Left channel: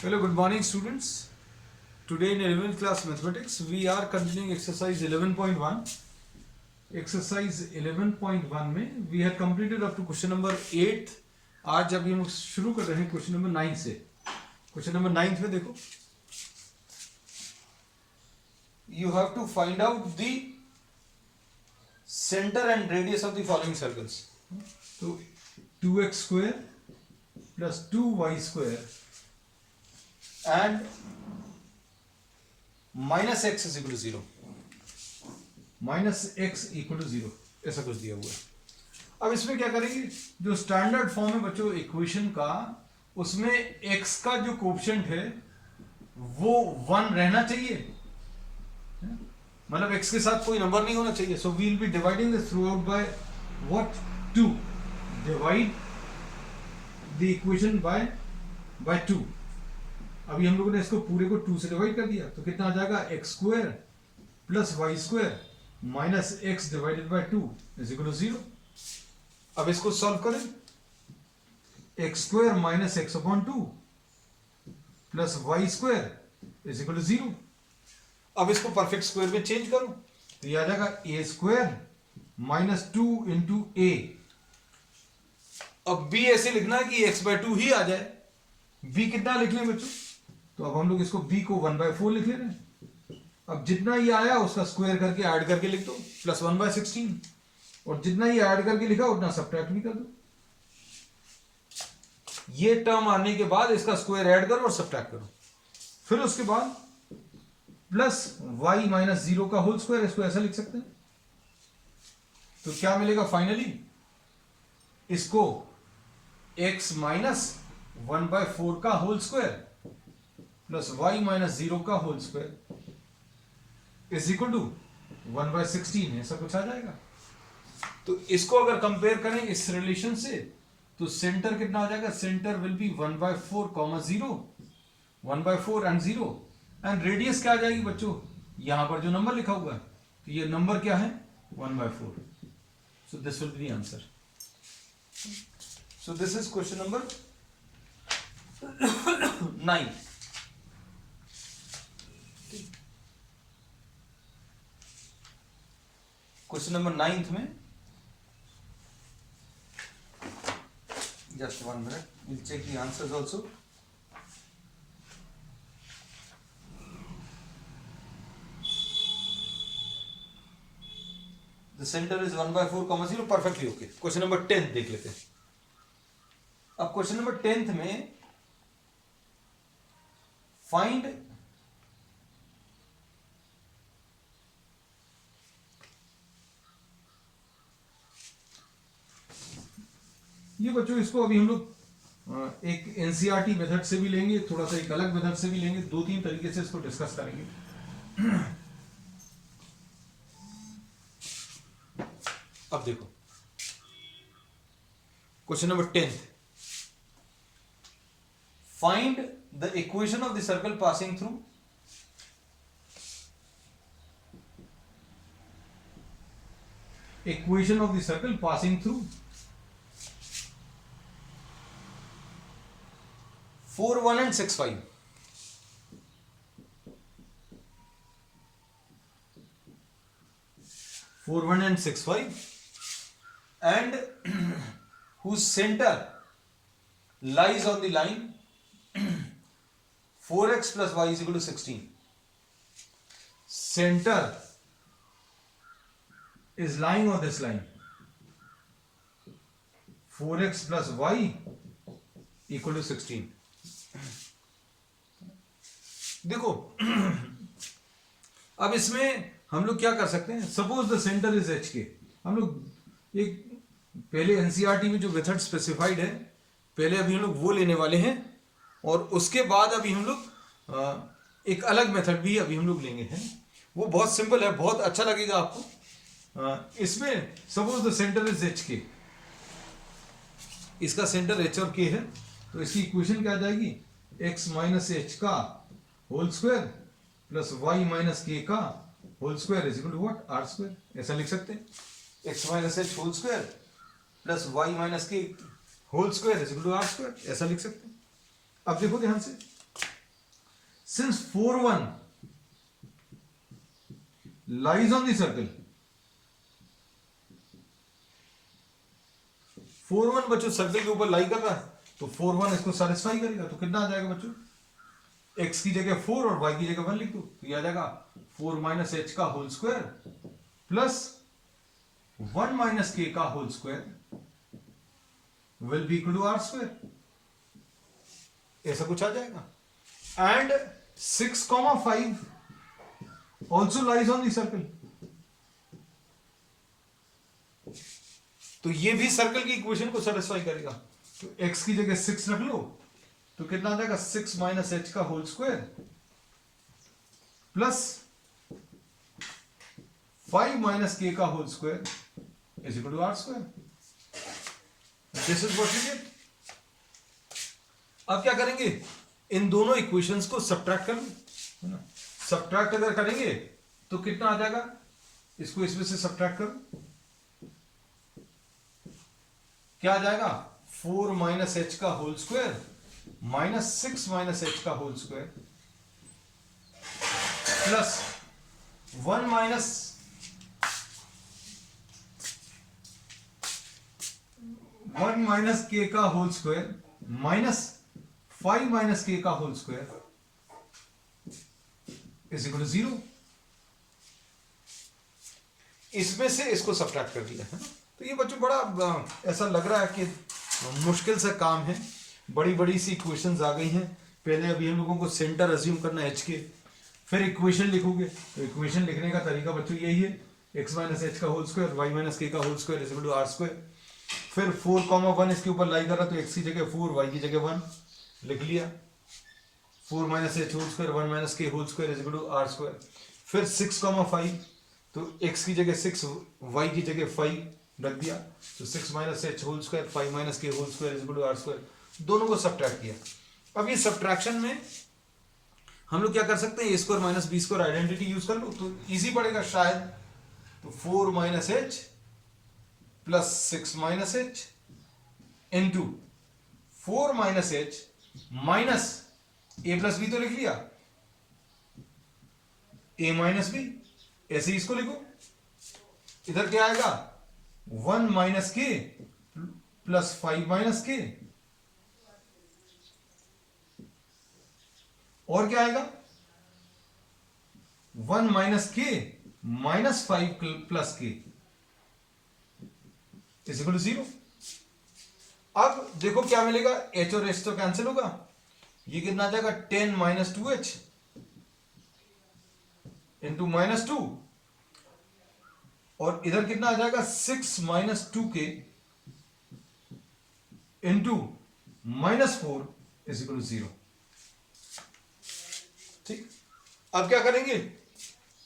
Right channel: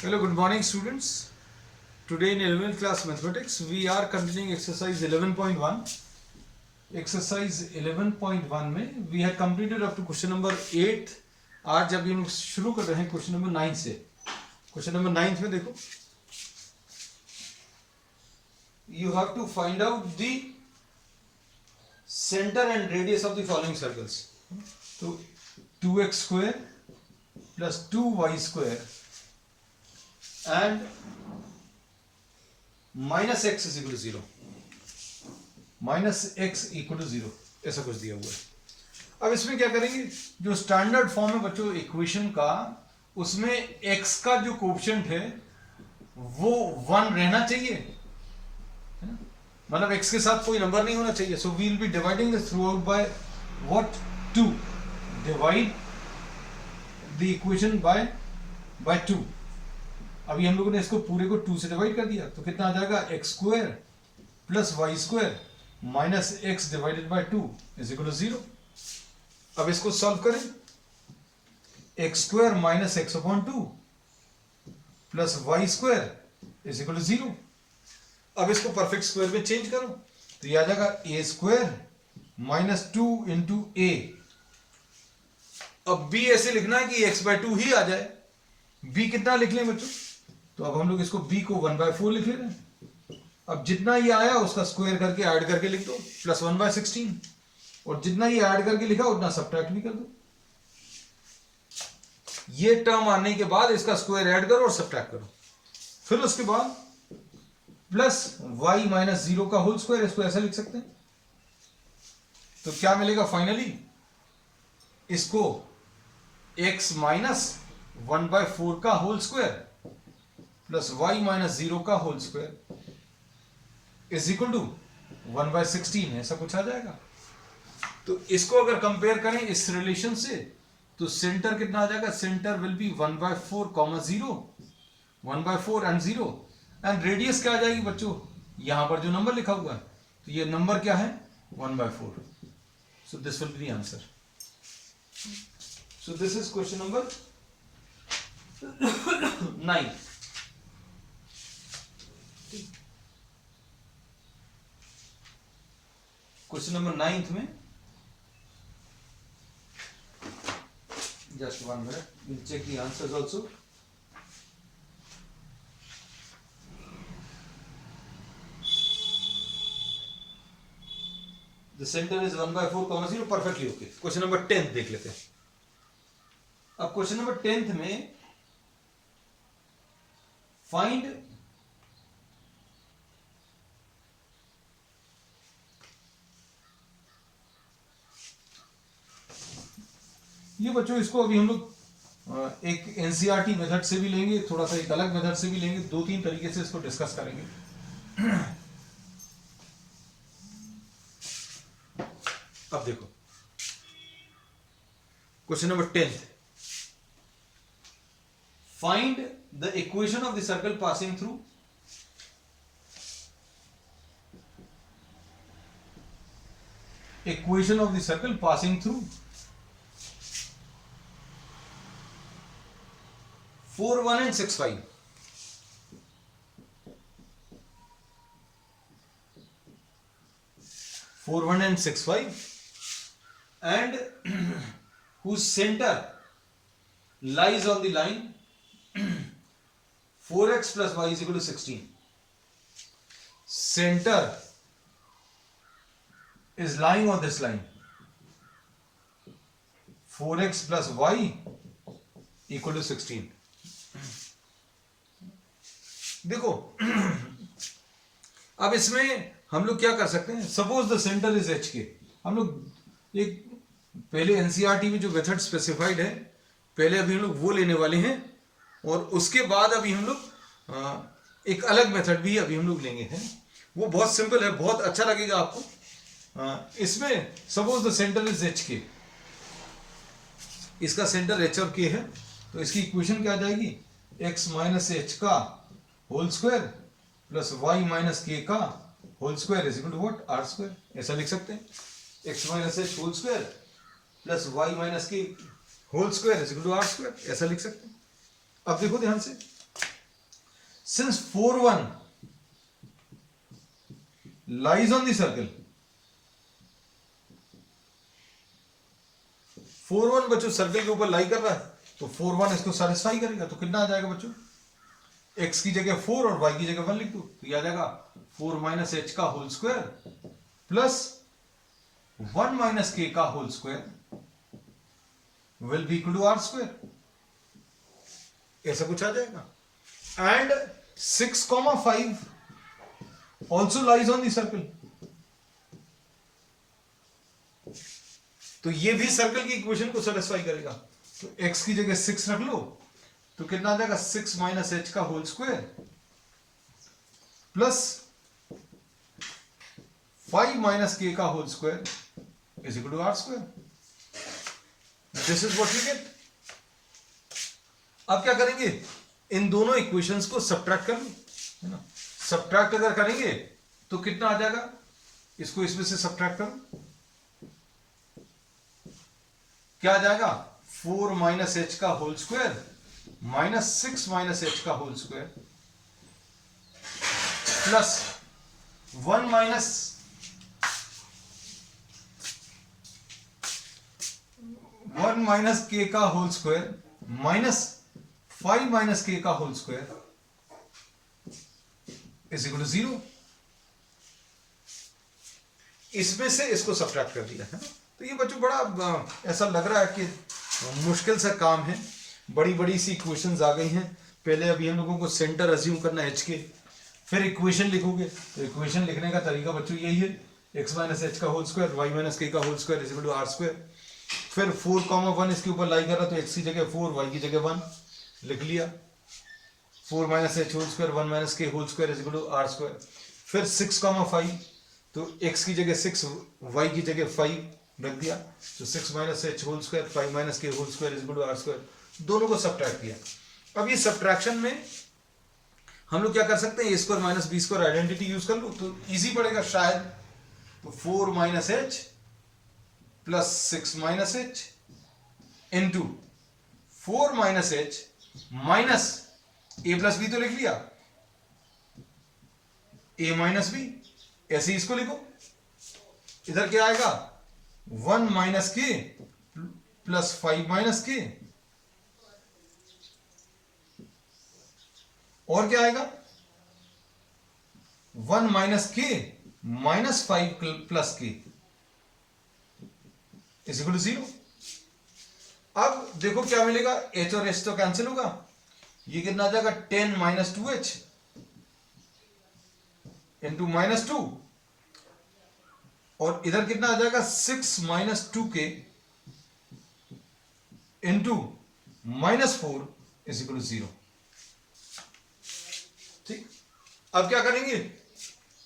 Hello, good morning students. Today in 11th class mathematics we are continuing exercise 11.1. Exercise 11.1 में we have completed up to question number 8. आज अभी हम शुरू कर रहे हैं क्वेश्चन नंबर 9 से. क्वेश्चन नंबर 9 में देखो, you have to find out the center and radius of the following circles. तो 2x square plus 2y square and minus x is equal to 0. Minus X equal to 0 ऐसा कुछ दिया हुआ है. अब इसमें क्या करेंगे, जो स्टैंडर्ड फॉर्म है बच्चों इक्वेशन का, उसमें x का जो कोएफिशिएंट है वो 1 रहना चाहिए, है ना. मतलब x के साथ कोई नंबर नहीं होना चाहिए. So we will be dividing this throughout by what 2. Divide the equation by 2. अभी हम लोगों ने इसको पूरे को 2 से डिवाइड कर दिया तो कितना आ जाएगा, x square plus Y square minus X divided by 2 is equal to 0. अब इसको सॉल्व करें, X square minus X upon 2 plus Y square is equal to 0. अब इसको परफेक्ट स्क्वायर में चेंज करो तो ये आ जाएगा ए स्क्वायर माइनस 2 इंटू ए. अब बी ऐसे लिखना है कि एक्स बाय 2 ही आ जाए. बी कितना लिख लें बच्चों, तो अब हम लोग इसको b को 1/4 लिख ले रहे हैं. अब जितना ये आया उसका स्क्वायर करके ऐड करके लिख दो प्लस 1/16, और जितना ये ऐड करके लिखा उतना सब्ट्रैक्ट भी कर दो. ये टर्म आने के बाद इसका स्क्वायर ऐड करो और सब्ट्रैक्ट करो. फिर उसके बाद प्लस y माइनस 0 का होल स्क्वायर, इसको ऐसा लिख सकते हैं. तो क्या मिलेगा फाइनली, इसको x माइनस 1/4 का whole square plus y minus 0 का whole square is equal to 1/16 ऐसा कुछ आ जाएगा. तो इसको अगर कंपेयर करें इस रिलेशन से तो सेंटर कितना आ जाएगा, centre will be 1/4, 0, 1/4 and 0. And radius क्या आ जाएगी बच्चों, यहां पर जो नंबर लिखा हुआ है तो ये नंबर क्या है 1/4. So this will be the answer. So this is question number 9. Question number 9 में just 1 minute, we'll check the answers also. The center is 1/4, 0, perfectly okay. Question number 10 देख लेते हैं. अब क्वेश्चन नंबर 10 में फाइंड ये बच्चों, इसको अभी हम लोग एक एनसीईआरटी मेथड से भी लेंगे, थोड़ा सा एक अलग मेथड से भी लेंगे. 2-3 तरीके से इसको डिस्कस करेंगे. अब देखो question number 10, find the equation of the circle passing through equation of the circle passing through 4, 1 and 6, 5. 4, 1 and 6, 5, and whose center lies on the line 4x plus y is equal to 16. Center is lying on this line 4x plus y equal to 16. देखो अब इसमें हम लोग क्या कर सकते हैं, suppose the centre is H के. हम लोग एक पहले एनसीईआरटी में जो मेथड स्पेसिफाइड है पहले अभी हम लोग वो लेने वाले हैं, और उसके बाद अभी हम लोग एक अलग मेथड भी अभी हम लोग लेंगे हैं. वो बहुत सिंपल है, बहुत अच्छा लगेगा आपको. इसमें suppose the centre is H के, इसका सेंटर एच और के है, तो इसकी इक्वेशन क्या आ जाएगी, x माइनस एच का whole square plus y minus के का whole square is equal to what, r square. ऐसा लिख सकते हैं, x minus h whole square plus y minus k whole square is equal to are square. ऐसा लिख सकते हैं. अब देखो ध्यान से, since 4 1 lies on the circle, 4 1 बच्चों सर्कल के ऊपर लाई कर रहा है, तो 4 1 इसको सेटिस्फाई करेगा। तो कितना आ जाएगा बच्चों, x की जगह 4 और y की जगह 1 लिख दो, तो ये आ जाएगा 4 माइनस एच का होल स्क्वायर प्लस 1 माइनस के का whole square will be equal to are square, ऐसा कुछ आ जाएगा। And 6,5 also lies on the circle, तो ये भी सर्कल की इक्वेशन को सेटिस्फाई करेगा। तो x की जगह 6 रख लो, तो कितना आ जाएगा 6 माइनस एच का होल स्क्वायर प्लस 5 माइनस के का whole square is equal to are square. This is what you get. अब क्या करेंगे, इन दोनों इक्वेशंस को सब्ट्रैक्ट कर लो, है ना। सब्ट्रैक्ट अगर करेंगे तो कितना आ जाएगा, इसको इसमें से सब्ट्रैक्ट करो, क्या आ जाएगा 4 माइनस एच का whole square minus 6 minus H का होल स्क्वायर प्लस 1 माइनस के का होल स्क्वायर माइनस 5 माइनस के का whole square is equal to 0। इसमें से इसको सब्ट्रैक्ट कर दिया है ना। तो ये बच्चों बड़ा ऐसा लग रहा है कि मुश्किल सा काम है, बड़ी बड़ी सी इक्वेशंस आ गई हैं। पहले अभी हम लोगों को सेंटर अज्यूम करना है एच के, फिर इक्वेशन लिखोगे, तो इक्वेशन लिखने का तरीका बच्चों यही है, x माइनस एच का होल स्क्वायर y माइनस के का whole square is equal to are square. फिर 4,1 इसके ऊपर लाई कर रहा, तो x की जगह 4 y की जगह 1 लिख लिया, 4 minus h whole square 1 minus k whole square is equal to are square. फिर 6,5, तो x की जगह 6 y की जगह 5 रख दिया, तो 6 minus h whole square 5 minus k whole square is equal to are square. दोनों को सब्ट्रैक्ट किया। अब ये सब्ट्रैक्शन में हम लोग क्या कर सकते हैं, a square minus b square identity use कर लो तो इजी पड़ेगा शायद। तो 4 minus h plus 6 minus h into 4 minus h minus a plus b तो लिख लिया, ए माइनस बी, ऐसे ही इसको लिखो। इधर क्या आएगा 1 माइनस के प्लस 5 माइनस के, और क्या आएगा 1 माइनस के माइनस 5 प्लस के इज इक्वल टू 0। अब देखो क्या मिलेगा, h और h तो कैंसिल होगा, ये कितना आ जाएगा 10 माइनस 2h इंटू माइनस 2, और इधर कितना आ जाएगा 6 minus 2k into minus 4 is equal to 0। ठीक, अब क्या करेंगे,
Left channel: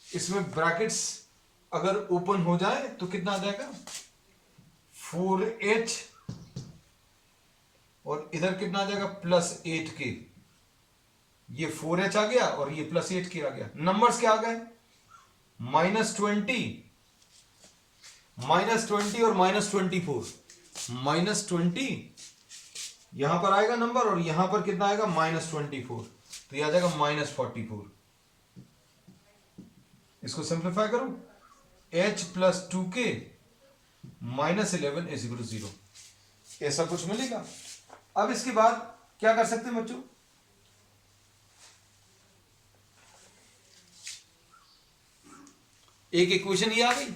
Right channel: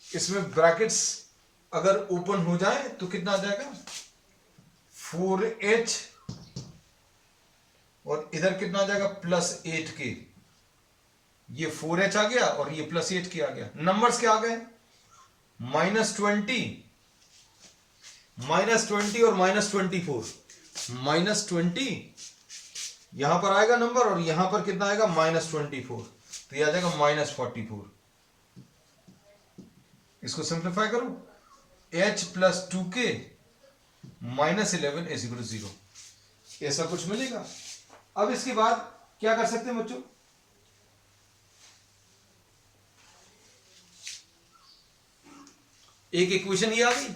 इसमें ब्रैकेट्स अगर ओपन हो जाए तो कितना आ जाएगा 4h, और इधर कितना आ जाएगा प्लस 8k, ये 4h आ गया और ये प्लस 8k आ गया। नंबर्स क्या आ गए माइनस 20 और माइनस 24, माइनस 20 यहां पर आएगा नंबर, और यहां पर कितना आएगा माइनस 24, तो ये आ जाएगा माइनस 44। इसको सिंप्लीफाई करो, h plus 2k minus 11 is equal to 0, ऐसा कुछ मिलेगा। अब इसके बाद क्या कर सकते हैं बच्चों, एक इक्वेशन ये आ गई।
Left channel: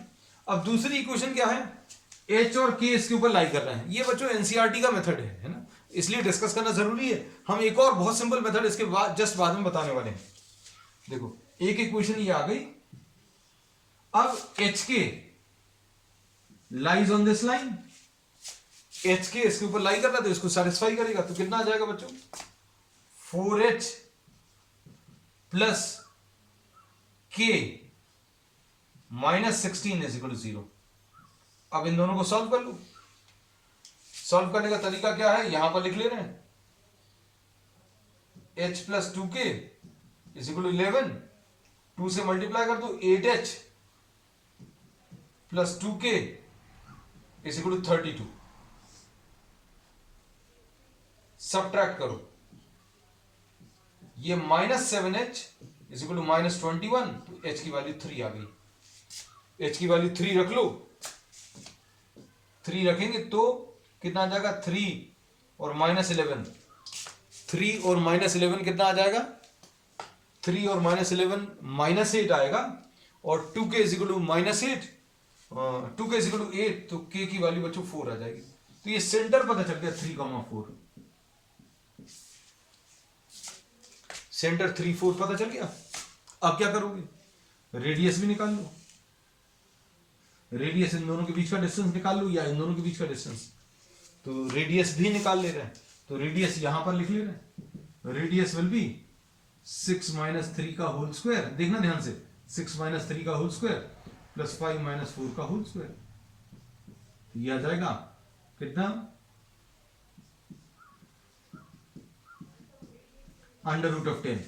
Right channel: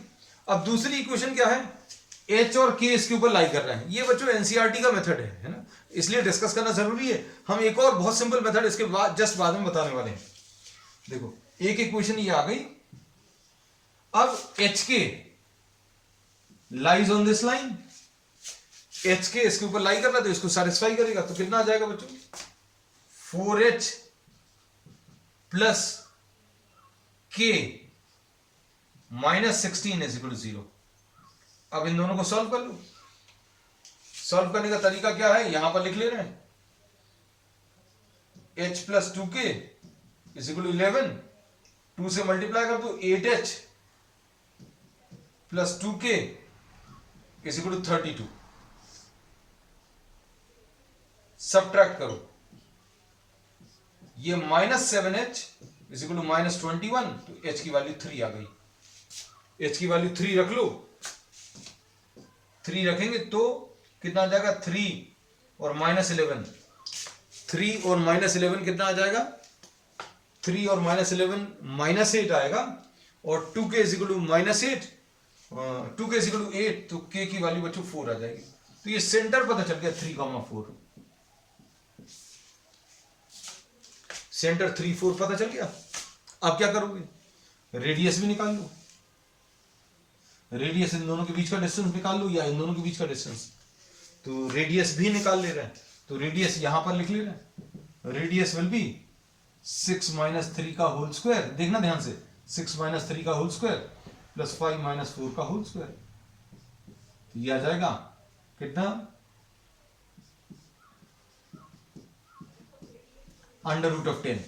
अब दूसरी इक्वेशन क्या है, h और k इसके ऊपर लाई कर रहे हैं। ये बच्चों एनसीईआरटी का मेथड है ना, इसलिए डिस्कस करना जरूरी है। हम एक और बहुत सिंपल मेथड इसके बाद जस्ट बाद में बताने वाले हैं। देखो एक इक्वेशन ये आ गई, अब एच के lies on this line, H के इसके ऊपर लाई कर रहा है तो इसको सेटिस्फाई करेगा, तो कितना आ जाएगा बच्चों 4h प्लस के माइनस 16 इज इक्वल टू 0। अब इन दोनों को सॉल्व कर लो। सॉल्व करने का तरीका क्या है, यहां पर लिख ले रहे हैं, h plus 2k is equal to 11, 2 से मल्टीप्लाई कर दो 8h plus 2k is equal to 32। Subtract करो, ये -7h इज इक्वल टू -21, तो h की वैल्यू 3 आ गई। h की वैल्यू 3 रख लो, 3 रखेंगे तो कितना आ जाएगा, 3 और -11, 3 और -11 कितना आ जाएगा, 3 और -11 -8 आएगा, और 2k is equal to -8, 2k is equal to 8, तो k की वैल्यू बच्चों 4 आ जाएगी। तो ये सेंटर पता चल गया 3,4, सेंटर 3, 4 पता चल गया। अब क्या करोगे, रेडियस भी निकाल लो, रेडियस इन दोनों के बीच का डिस्टेंस निकाल लो, या इन दोनों के बीच का डिस्टेंस, तो रेडियस भी निकाल ले रहे हैं, तो रेडियस यहां पर लिख ले रहे हैं, रेडियस विल बी 6 - 3 का होल स्क्वायर, देखना ध्यान से, 6 - 3 का होल स्क्वायर प्लस 5 - 4 का होल स्क्वायर, तो ये आ जाएगा कितना, √10,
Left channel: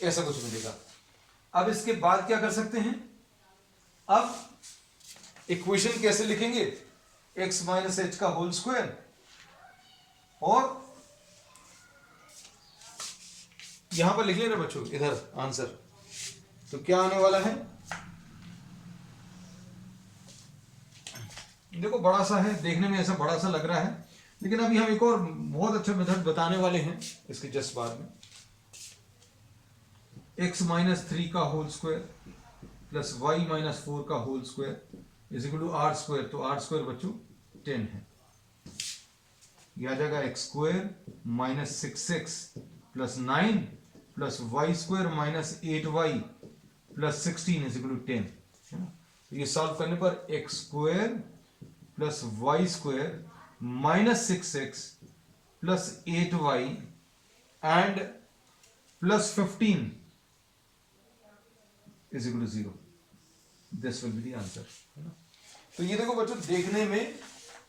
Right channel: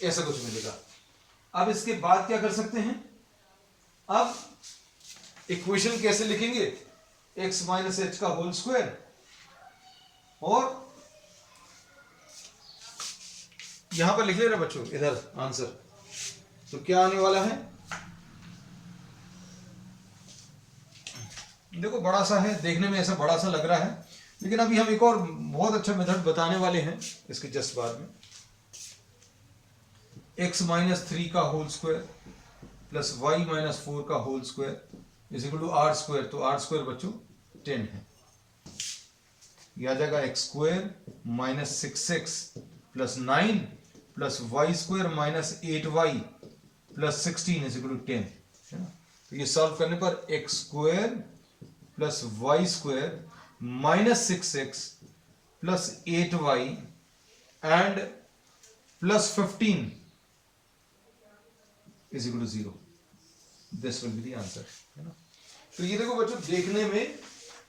ऐसा कुछ मिलेगा। अब इसके बाद क्या कर सकते हैं, अब इक्वेशन कैसे लिखेंगे, x - h का होल स्क्वायर, और यहां पर लिख ले रहे बच्चों इधर आंसर, तो क्या आने वाला है, देखो बड़ा सा है, देखने में ऐसा बड़ा सा लग रहा है, लेकिन अभी हम एक और बहुत अच्छा मेथड बताने वाले हैं इसके जस्ट बाद में। x - 3 का होल स्क्वायर प्लस y - 4 का whole square is equal to r square, तो r स्क्वायर बच्चों 10 है, यह आ जाएगा x square -6x plus 9 plus y square -8y plus 16 is equal to 10, है ना। तो ये सॉल्व करने पर x square plus Y square -6x plus 8y and plus 15 is equal to 0, this will be the answer, है ना। तो ये देखो बच्चों, देखने में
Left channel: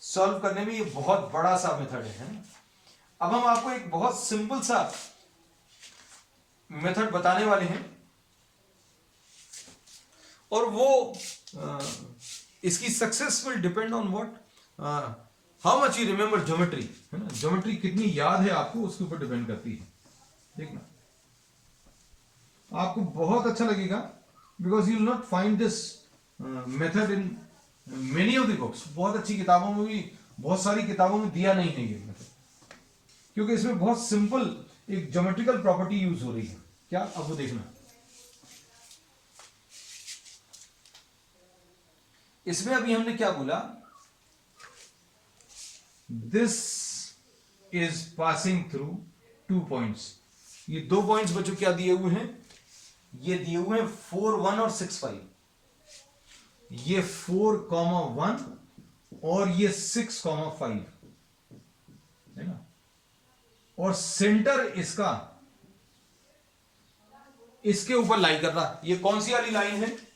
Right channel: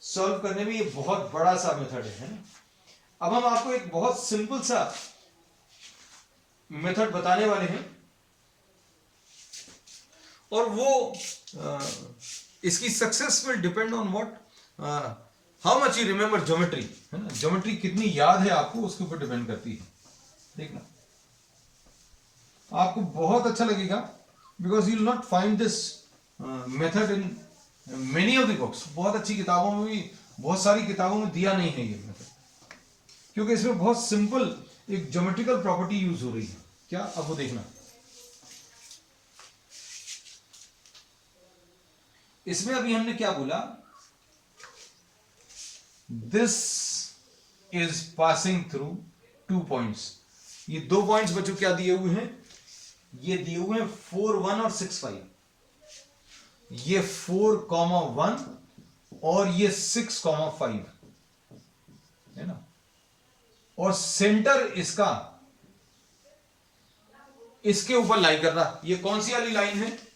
सॉल्व करने में ये बहुत बड़ा सा मेथड है ना। अब हम आपको एक बहुत सिंपल सा मेथड बताने वाले हैं, और वो इसकी success will depend on what, how much you remember geometry, है ना। ज्योमेट्री कितनी याद है आपको, उसके ऊपर डिपेंड करती है। देखना आपको बहुत अच्छा लगेगा, because you will not find this method in many of the books. बहुत अच्छी किताबों में भी, बहुत सारी किताबों में दिया नहीं है ये मेथड, क्योंकि इसमें बहुत सिंपल एक ज्योमेट्रिकल प्रॉपर्टी यूज हो रही है। क्या, अब वो देखना, इसमें अभी हमने क्या बोला, this is passing through 2 points. ये 2 पॉइंट्स बच्चों क्या दिए हुए हैं, ये दिए हुए हैं 4, 1 और 6, 5। ये 4, 1 और ये 6, 5 है ना। और सेंटर इसका इसके ऊपर लाई कर रहा, ये कौन सी वाली लाइन है,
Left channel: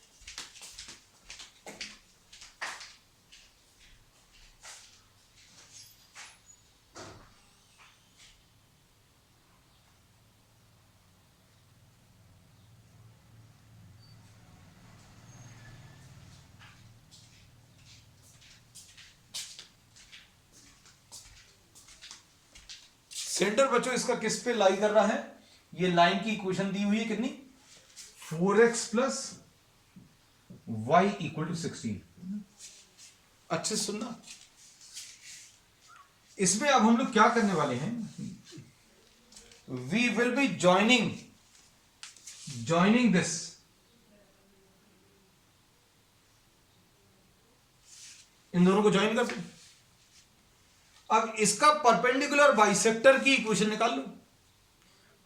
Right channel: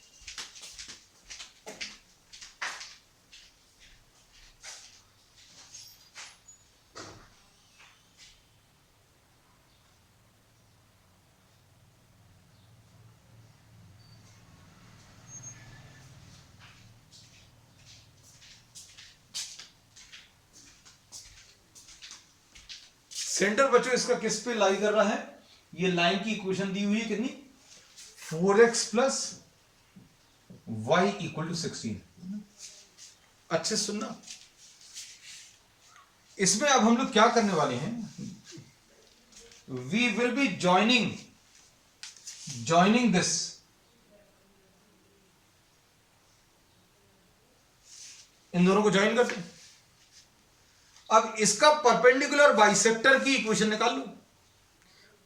सेंटर बच्चों इसका किस पे लाई कर रहा है, ये लाइन की इक्वेशन दी हुई है कितनी, 4x plus Y equal to 16। अच्छे सुनना, इसमें अब हम लोग क्या करने वाले हैं, we will be joining this, इन दोनों को ज्वाइन करते हैं। अब इसका परपेंडिकुलर बाइसेक्टर की इक्वेशन निकाल लो।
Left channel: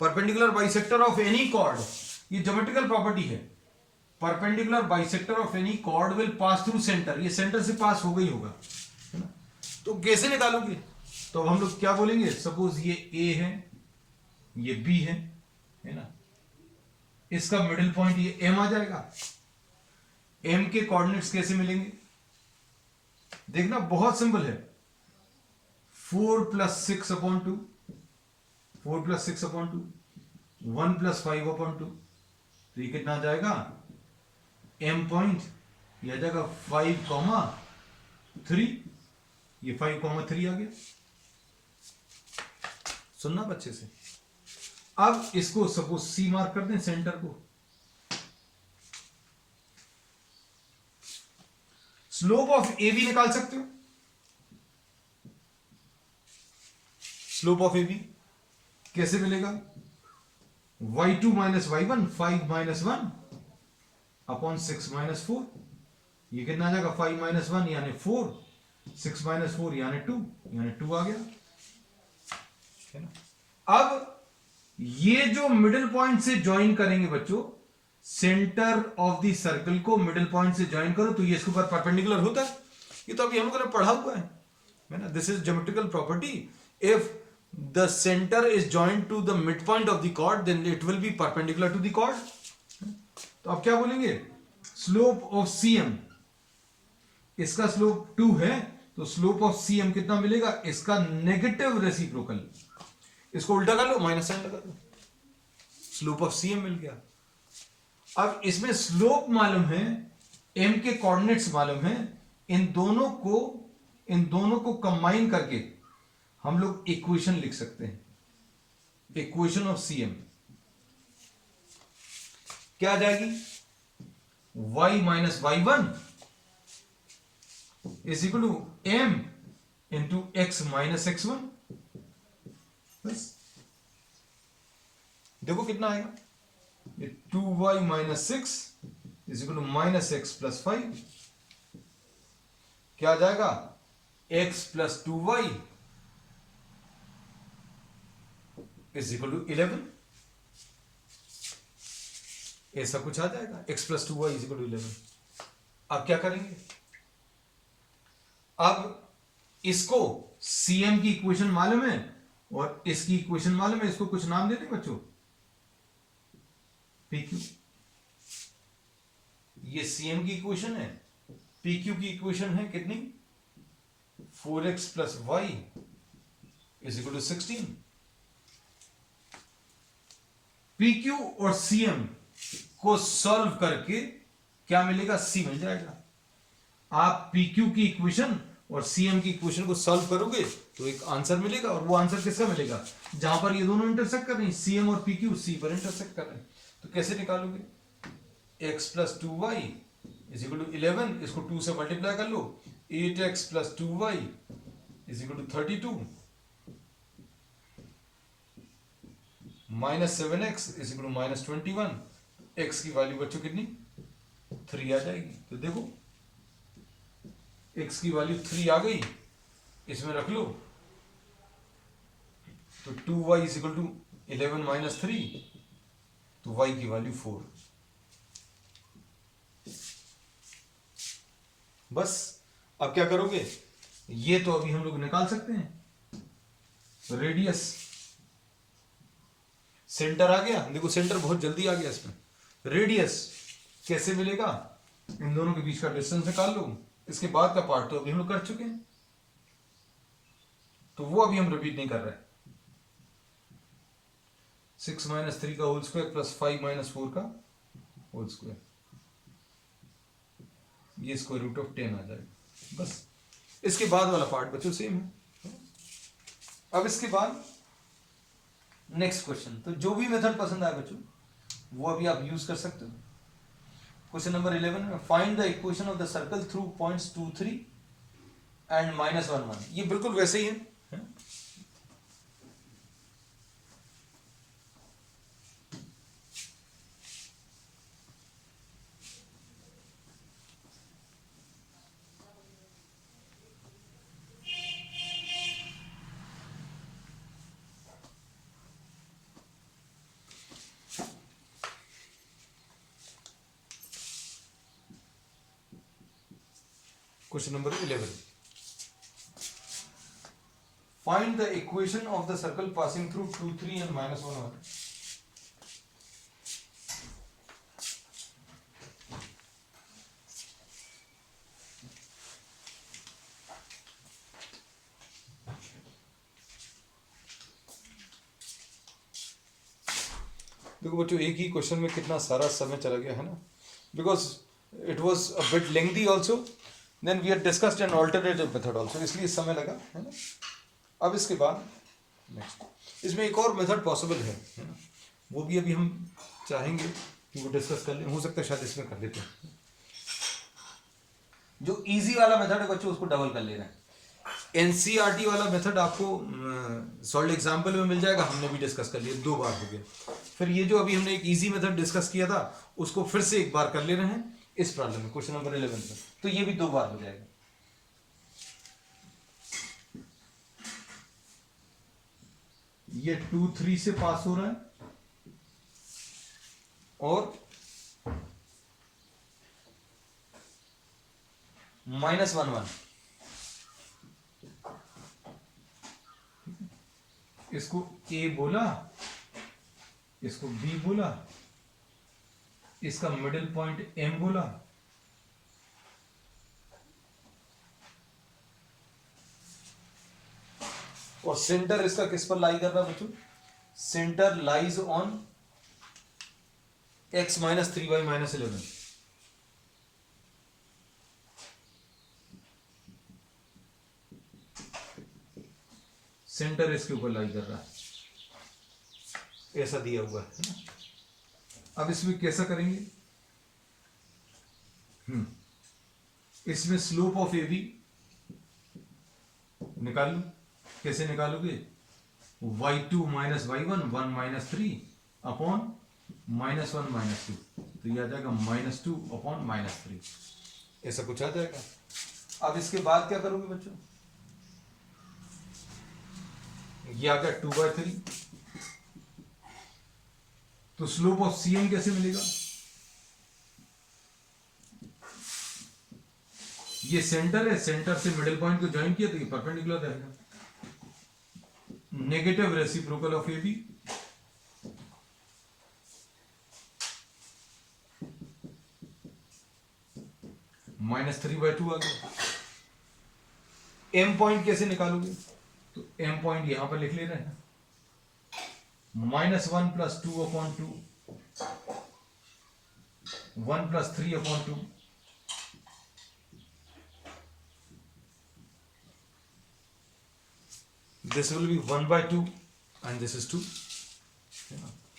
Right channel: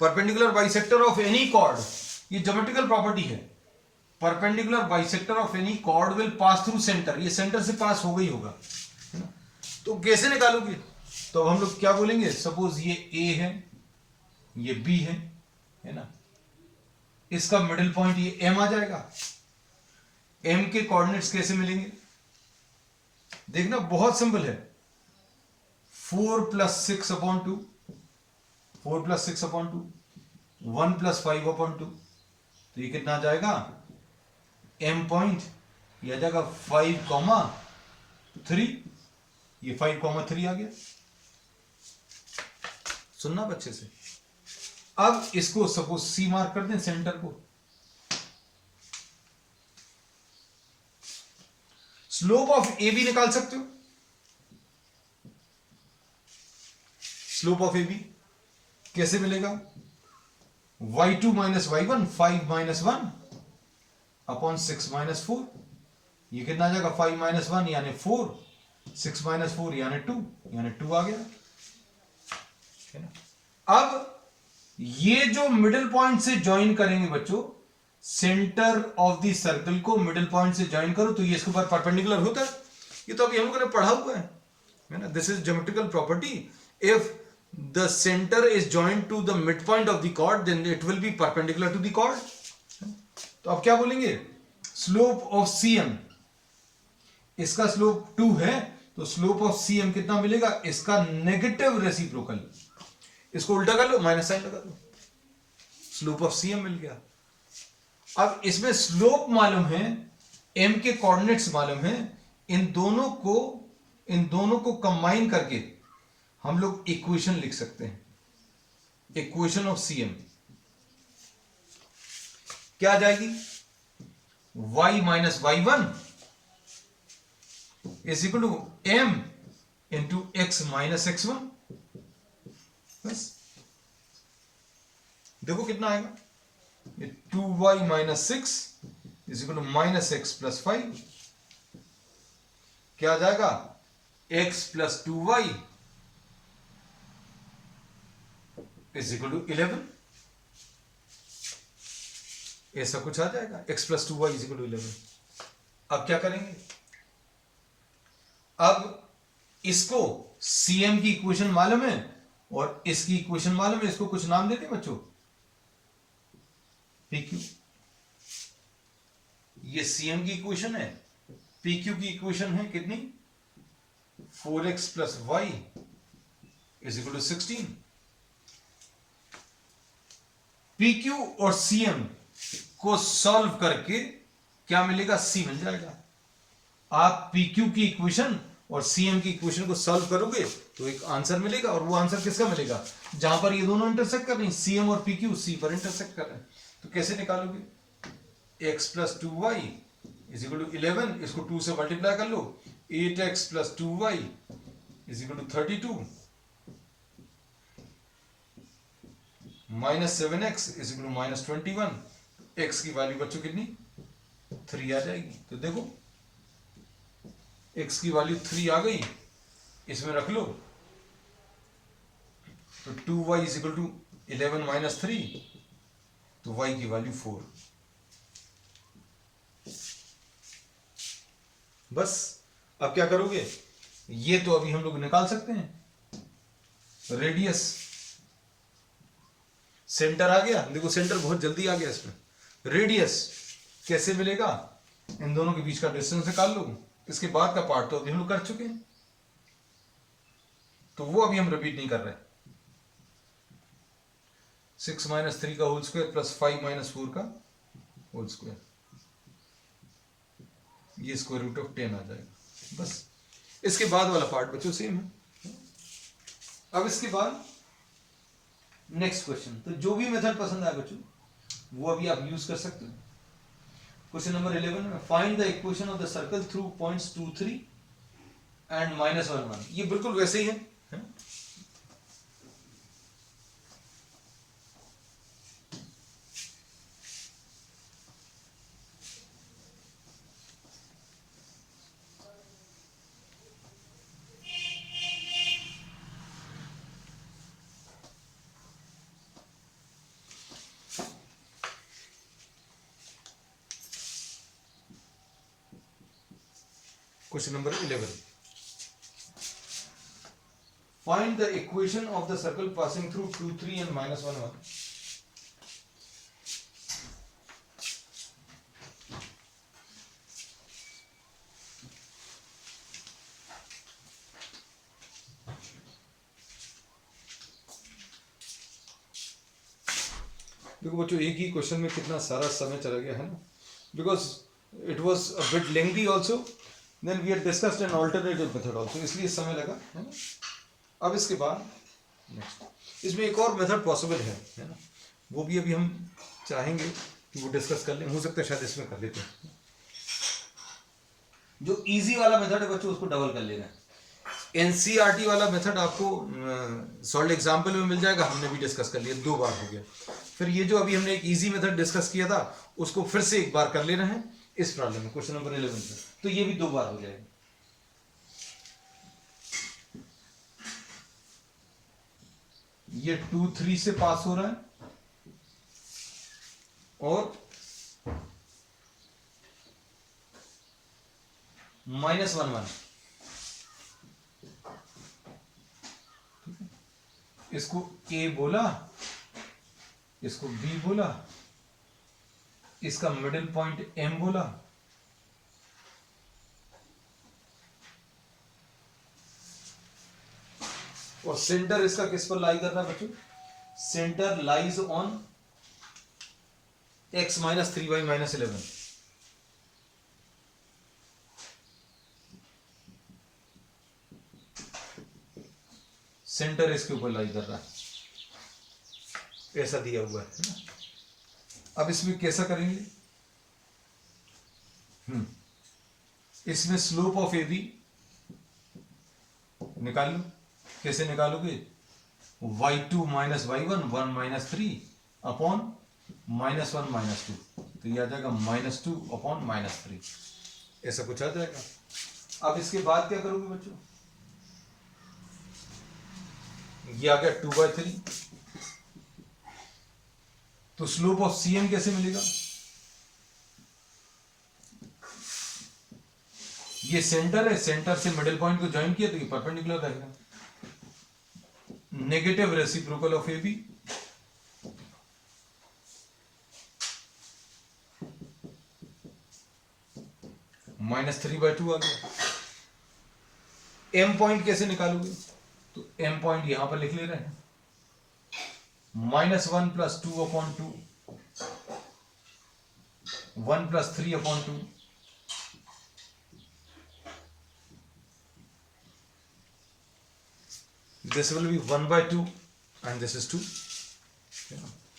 Perpendicular bisector of any chord, ये ज्योमेट्रिकल प्रॉपर्टी है, perpendicular bisector of any chord will pass through centre, ये सेंटर से पास हो गई होगा, है ना। तो कैसे निकालोगे, तो अब हम लोग क्या बोलेंगे, सपोज ये ए है, ये बी है ना, इसका मिडिल पॉइंट ये एम आ जाएगा। एम के कोऑर्डिनेट्स कैसे मिलेंगे, देखना बहुत सिंपल है, 4 + 6/2, 4 + 6/2, 1 + 5/2, तो ये कितना आ जाएगा, एम पॉइंट ये आ जाएगा 5,3, ये 5,3 आ गया। सुनना बच्चे से, अब इसको सपोज सी मार्क कर दें, सेंटर को। स्लोप ऑफ ए बी निकाल सकते हो। स्लोप ऑफ ए बी कैसे मिलेगा? y2 minus y1, 5 minus 1 upon 6 minus 4। ये कितना आ जाएगा? 5 माइनस 1 यानी 4, 6 माइनस 4 यानी 2, यानी 2 आ गया, है ना। अब ये जो मिडिल पॉइंट से ज्वाइन करेंगे बच्चों, सेंटर ऑफ द सर्कल को मिडिल पॉइंट से ज्वाइन करो तो ये इसके ऊपर परपेंडिकुलर होता है। ये तो अभी हम लोगों ने पढ़ा हुआ है ना। This is geometrical property. If the center is joined to the midpoint of the chord then it will be perpendicular to the chord। तो अब क्या बोलेंगे? स्लोप ऑफ CM, इसका स्लोप 2 है तो स्लोप ऑफ CM कितना मिलेगा? इसका नेगेटिव रेसिप्रोकल। इसको उल्टा कर लो, माइनस साइन लगा दो, स्लोप ऑफ CM मिल गया। अब इसमें स्लोप मालूम है, M के कोऑर्डिनेट्स मालूम है, इन दोनों को कंबाइन करके हम लोग इक्वेशन लिख सकते हैं। इक्वेशन ऑफ CM क्या आ जाएगी? y minus y1 is equal to m into x minus x1। बस देखो कितना आएगा? 2y minus 6 is equal to minus x plus 5। क्या आ जाएगा? x plus 2y is equal to 11। ऐसा कुछ आ जाएगा, x plus 2y is equal to 11। अब क्या करेंगे? अब इसको CM की इक्वेशन मालूम है और इसकी इक्वेशन मालूम है, इसको कुछ नाम दे दें बच्चों। PQ, ये CM की इक्वेशन है, PQ की इक्वेशन है कितनी? 4x plus y is equal to 16। PQ और CM को सॉल्व करके क्या मिलेगा? C मिल जाएगा। आप PQ की इक्वेशन और CM की इक्वेशन को सॉल्व करोगे तो एक आंसर मिलेगा, और वो आंसर किसका मिलेगा? जहां पर ये दोनों इंटरसेक्ट कर रहे हैं, CM और PQ C पर इंटरसेक्ट कर रहे हैं। तो कैसे निकालोगे? x plus 2y is equal to 11, इसको 2 से मल्टीप्लाई कर लो, 8x plus 2y is equal to 32 minus 7x is equal to minus 21। x की वैल्यू बच्चों कितनी? 3 आ जाएगी। तो देखो x की वैल्यू 3 आ गई, इसमें रख लो, तो 2y is equal to 11 minus 3, तो y की वैल्यू 4। बस अब क्या करोगे? ये तो अभी हम लोग निकाल सकते हैं। रेडियस, सेंटर आ गया, देखो सेंटर बहुत जल्दी आ गया इसमें। रेडियस कैसे मिलेगा? इन दोनों के बीच का डिस्टेंस निकाल लो। इसके बाद का पार्ट तो अभी हम लोग कर चुके हैं, तो वो अभी हम रिपीट नहीं कर रहे। 6 माइनस 3 का होल स्क्वायर प्लस 5 माइनस 4 का होल स्क्वायर, ये स्क्वायर रूट ऑफ 10 आ जाएगा। बस इसके बाद वाला पार्ट बच्चों सेम है। अब इसके बाद नेक्स्ट क्वेश्चन, तो जो भी मेथड पसंद आए बच्चों वो अभी आप यूज कर सकते हो। क्वेश्चन नंबर 11 में find the equation of the circle through points 2, 3 and -1, 1। ये बिल्कुल वैसे ही है ना? Question number 11. Find the equation of the circle passing through 2, 3 and -1, 1. देखो बच्चों एक ही क्वेश्चन में कितना सारा समय चला गया है ना, because it was a bit lengthy also, then we have discussed an alternative method also, इसलिए समय लगा है ना। अब इसके बाद नेक्स्ट इसमें एक और मेथड पॉसिबल है ना। वो भी अभी हम चाहेंगे कि वो डिस्कस कर लें, हो सकता है शायद इसमें कर लेते हैं। जो इजी वाला मेथड है बच्चों उसको डबल कर लेना है। एनसीईआरटी वाला मेथड आपको सॉल्व एग्जाम्पल में मिल जाएगा, हमने भी डिस्कस कर लिया, 2 बार हो गया। फिर ये जो अभी हमने एक इजी मेथड डिस्कस किया था उसको फिर से एक बार कर लेना है इस प्रॉब्लम में, क्वेश्चन नंबर 11 में, तो ये भी 2 बार हो जाएगा। ये 2 3 से पास हो रहा है और -1 1, इसको ए बोला, इसको बी बोला, इसका मिडिल पॉइंट एम बोला, और सेंटर इसका किस पर लाई कर रहा है बच्चों? Centre lies on x - 3y - 11। Centre इसके ऊपर लाई कर रहा है, ऐसा दिया हुआ है ना। अब इसमें कैसा करेंगे? इसमें स्लोप ऑफ ए बी निकाल लो। कैसे निकालोगे? y2 - y1 1 - 3 अपॉन -1 - 2, तो ये आ जाएगा -2 अपॉन -3, ऐसा कुछ आ जाएगा। अब इसके बाद क्या करोगे बच्चों? ये आ गया 2/3, तो स्लोप ऑफ सी एम कैसे मिलेगा? ये सेंटर है, सेंटर से मिडिल पॉइंट को ज्वाइन किया तो ये परपेंडिकुलर रहेगा। Negative reciprocal of A B, -3/2 आ गया। एम पॉइंट कैसे निकालोगे? तो एम पॉइंट यहां पर लिख ले रहे हैं, -1 + 2/2, 1 + 3/2, this will be 1/2 and this is 2,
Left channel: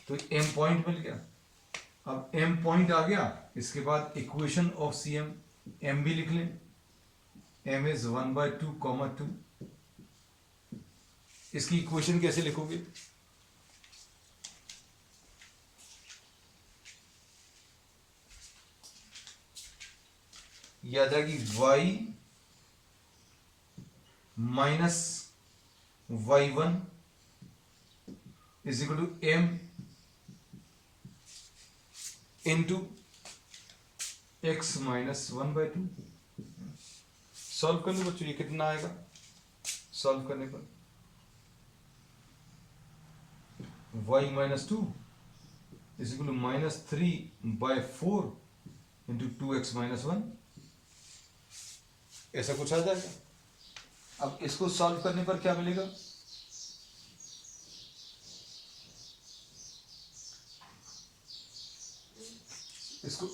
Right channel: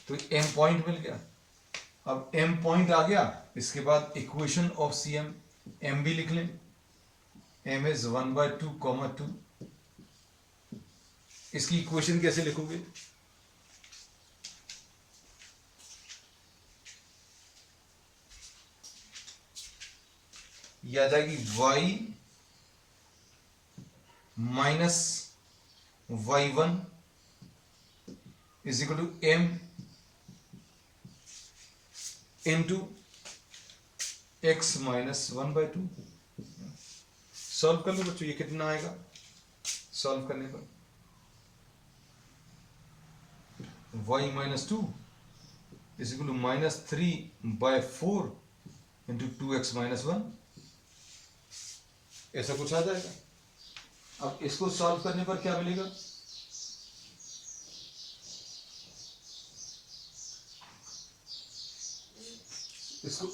तो m पॉइंट मिल गया। अब m पॉइंट आ गया, इसके बाद equation of C M, m भी लिख लें, m इज 1/2, 2। इसकी इक्वेशन कैसे लिखोगे? ये आ जाएगी y - y1 is equal to m into x - 1/2। Solve कर लो बच्चों, ये कितना आएगा सॉल्व करने पर? y - 2 is equal to -3/4 into 2x - 1, ऐसा कुछ आ जाएगा। अब इसको सॉल्व करने पर क्या मिलेगा? इसको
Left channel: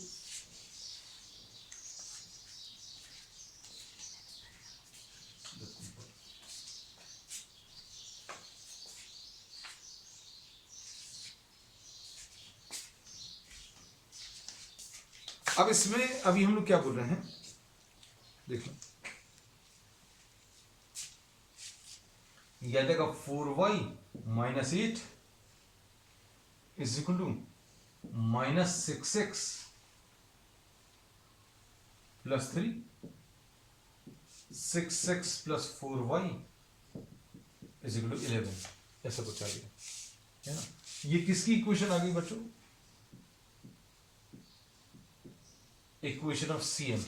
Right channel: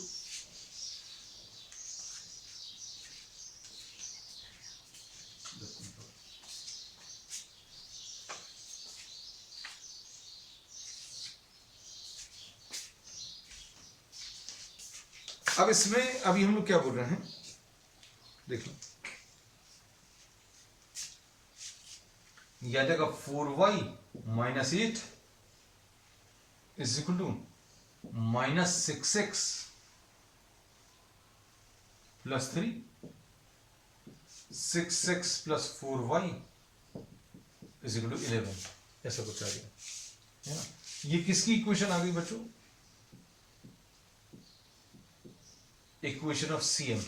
अब इसमें अभी हम लोग क्या बोल रहे हैं देखो, यह जाएगा 4y - 8 is equal to -6x + 3, 6x + 4y is equal to 11, ऐसा कुछ आ गया है ना। ये किसकी इक्वेशन आ गई बच्चों? Equation of C M.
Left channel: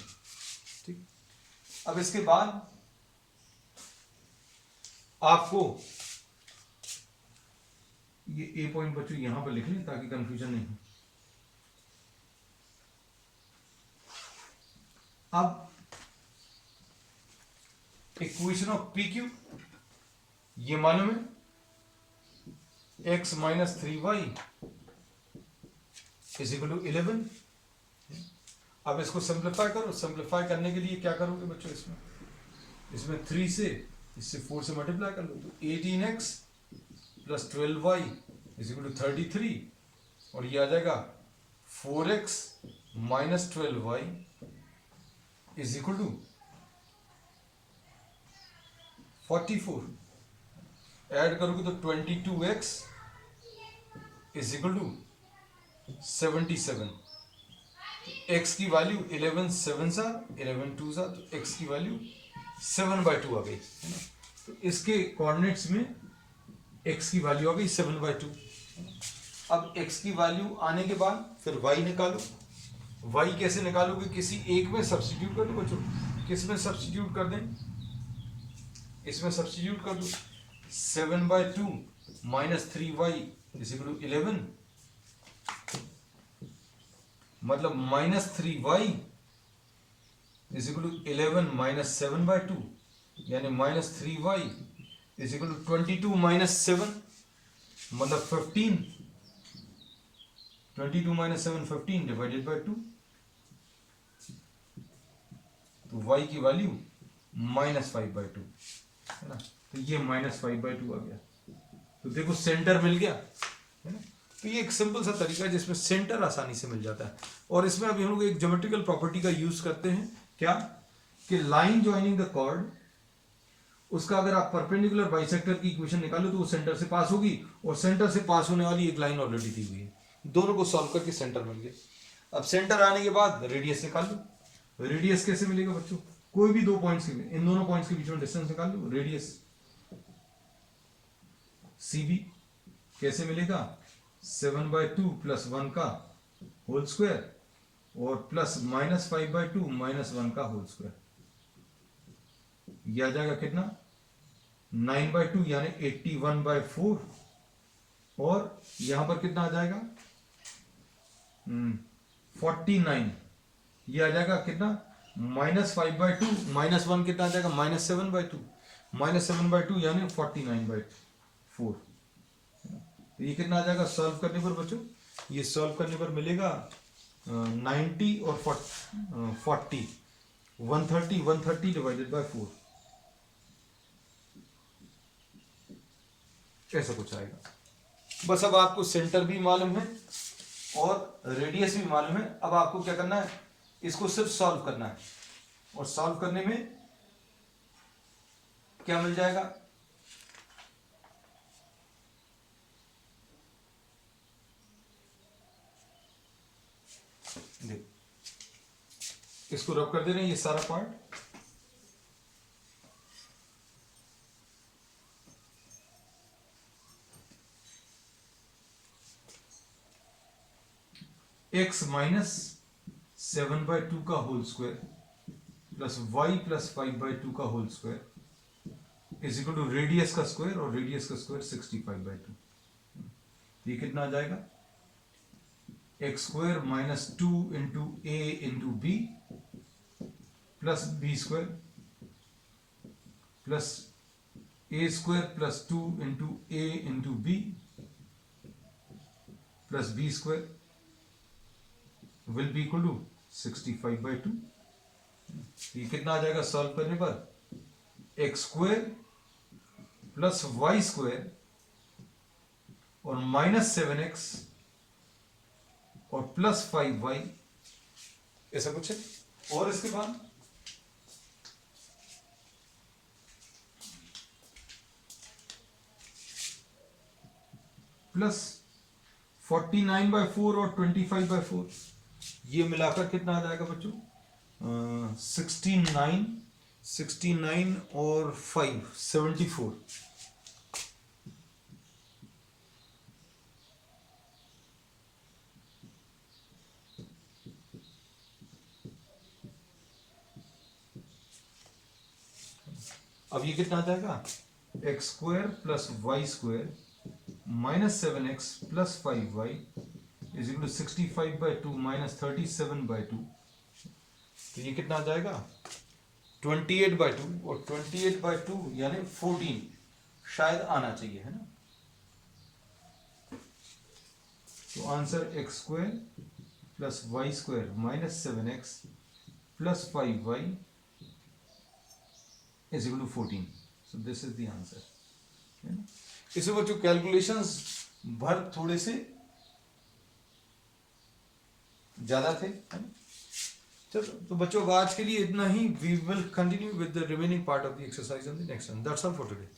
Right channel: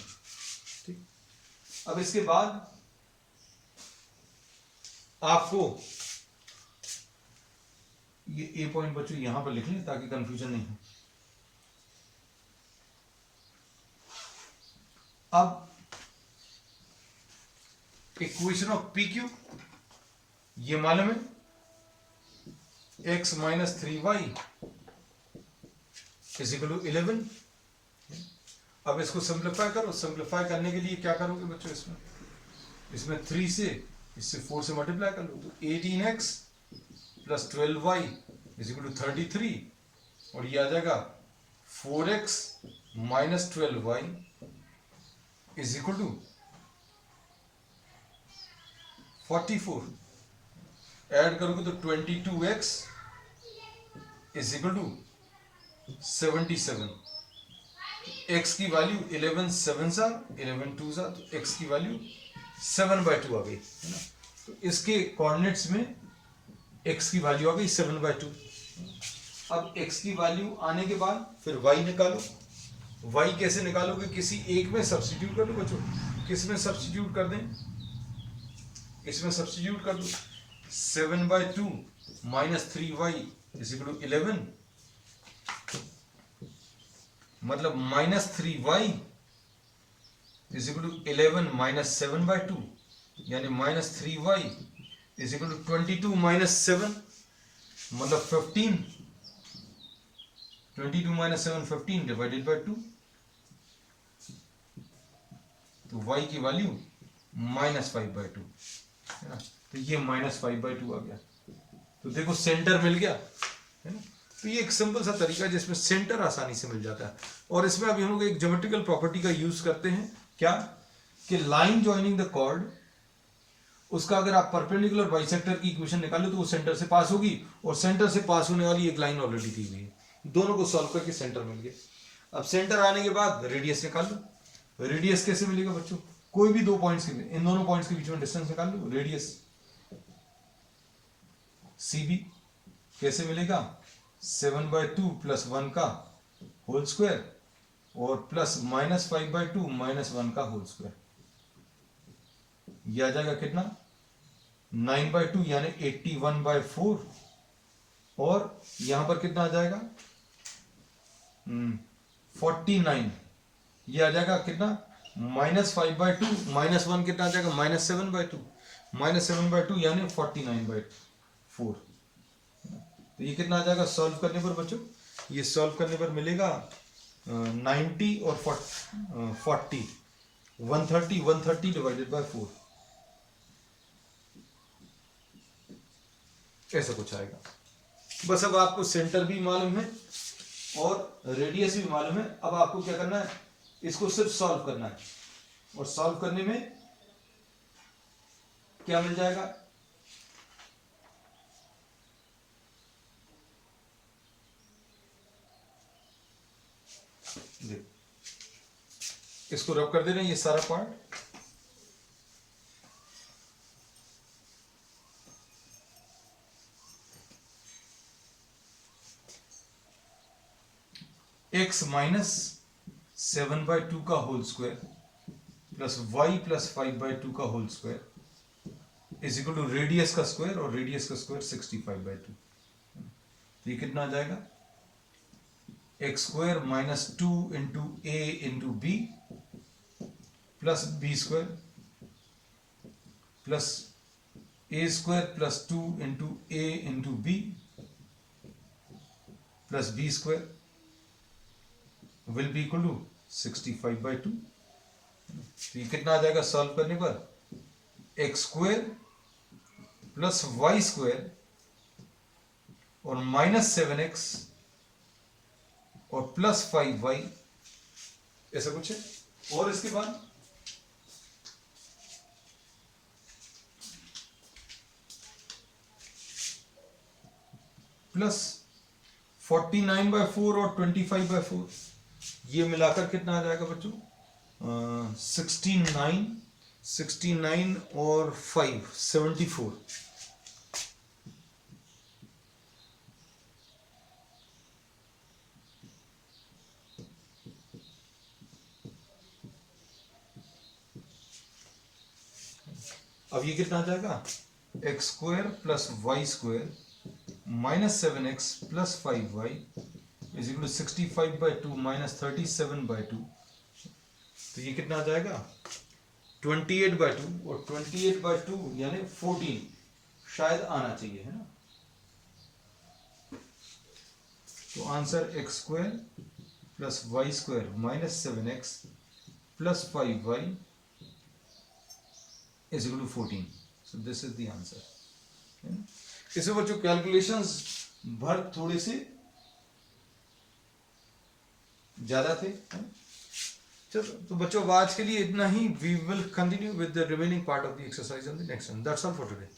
ठीक, अब इसके बाद आपको ये ए पॉइंट बच्चों यहां पर लिख लें ताकि कंफ्यूजन नहीं हो। अब इक्वेशन ऑफ पी क्यू ये मालूम है, x - 3y is equal to 11। अब इसको सिंप्लीफाई करो, सिंप्लीफाई करने के लिए क्या करोगे बच्चों? इसमें 3 से, इससे 4 से मल्टीप्लाई कर लो, तो 18x + 12y is equal to 33 और ये आ जाएगा 4x minus 12y is equal to 44। Add करोगे तो 22x is equal to 77। x की वैल्यू 11 7 सा 11 2 सा, तो x की वैल्यू 7/2 आ गई है ना। तो इसके कोऑर्डिनेट्स में x की वैल्यू आ गई 7/2। अब x की वैल्यू आने के बाद फिर y निकालो। y कैसे निकालोगे? किसी एक में सब्स्टिट्यूट कर दो बच्चों। किस में सब्स्टिट्यूट कर दें? इसमें सब्स्टिट्यूट कर दो। 7/2 minus 3y is equal to 11, मतलब minus 3y is equal to 11 minus 7/2, यानी minus 3y is equal to 22 minus 7, मतलब 15। 22 माइनस 7 15 डिवाइडेड बाई 2, तो y की वैल्यू -5/2 है ना। तो ये -5/2 आ गया। तो देखो सेंटर मिल गया है ना। तो ये एक सिंपल सा तरीका है जिसमें सेंटर आसानी से मिल जाता है। और इसमें अभी हम लोग एक ज्योमेट्रिकल प्रॉपर्टी का यूज करते हैं, क्या कि लाइन ज्वाइनिंग द कॉर्ड, उसका अगर आप परपेंडिकुलर बाइसेक्टर की इक्वेशन निकालो तो वो सेंटर से पास होगी, और सेंटर से पास होने वाली एक लाइन ऑलरेडी दी हुई है। दोनों को सॉल्व करके सेंटर मिल गया। अब सेंटर आने के बाद रेडियस निकाल लो। रेडियस कैसे मिलेगा बच्चों? कोई भी दो पॉइंट्स के, इन दोनों पॉइंट्स के बीच में डिस्टेंस निकाल लो। रेडियस CB कैसे मिलेगा? 7/2 प्लस 1 का होल स्क्वायर और प्लस -5/2 माइनस 1 का होल स्क्वायर। यह आ जाएगा कितना? 9/2 यानी 81/4, और यहां पर कितना आ जाएगा? 49। ये आ जाएगा कितना? -5/2 माइनस 1 कितना आ जाएगा? -7/2। -7/2 यानी 49/4। तो ये कितना आ जाएगा सॉल्व करने पर बच्चों? ये सॉल्व करने पर मिलेगा 90 और 40 130 डिवाइडेड बाय 4, ऐसा कुछ आएगा। बस अब आपको सेंटर भी मालूम है और रेडियस भी मालूम है। अब आपको क्या करना है? इसको सिर्फ सॉल्व करना है, और सॉल्व करने में क्या मिल जाएगा? इसको रब कर देना ये सारा पार्ट। x माइनस 7/2 का whole square plus y plus 5/2 का whole square is equal to radius का स्क्वायर, और रेडियस का स्क्वायर 65/2। तो ये कितना आ जाएगा? x square minus 2 into a into b plus b square plus a square plus 2 into a into b plus b square will be equal to 65/2। तो ये कितना आ जाएगा सॉल्व करने पर? X square plus Y square और -7x और plus 5y, ऐसा कुछ है। और इसके बाद प्लस 49/4 और 25/4, ये मिलाकर कितना आ जाएगा बच्चों? 69 और 5 74। अब ये कितना आ जाएगा? X square plus Y square -7x plus 5y is equal to 65/2 minus 37/2। तो ये कितना आ जाएगा? 28/2, और 28/2 यानी 14 शायद आना चाहिए, है ना। तो answer x square plus Y square -7x plus 5y is equal to 14। So this is the answer, है ना। इसमें बच्चों कैलकुलेशंस भर थोड़े से ज़्यादा थे। चलो तो बच्चों आज के लिए इतना ही। We will continue with the remaining part of the exercise on the next one. That's all for today.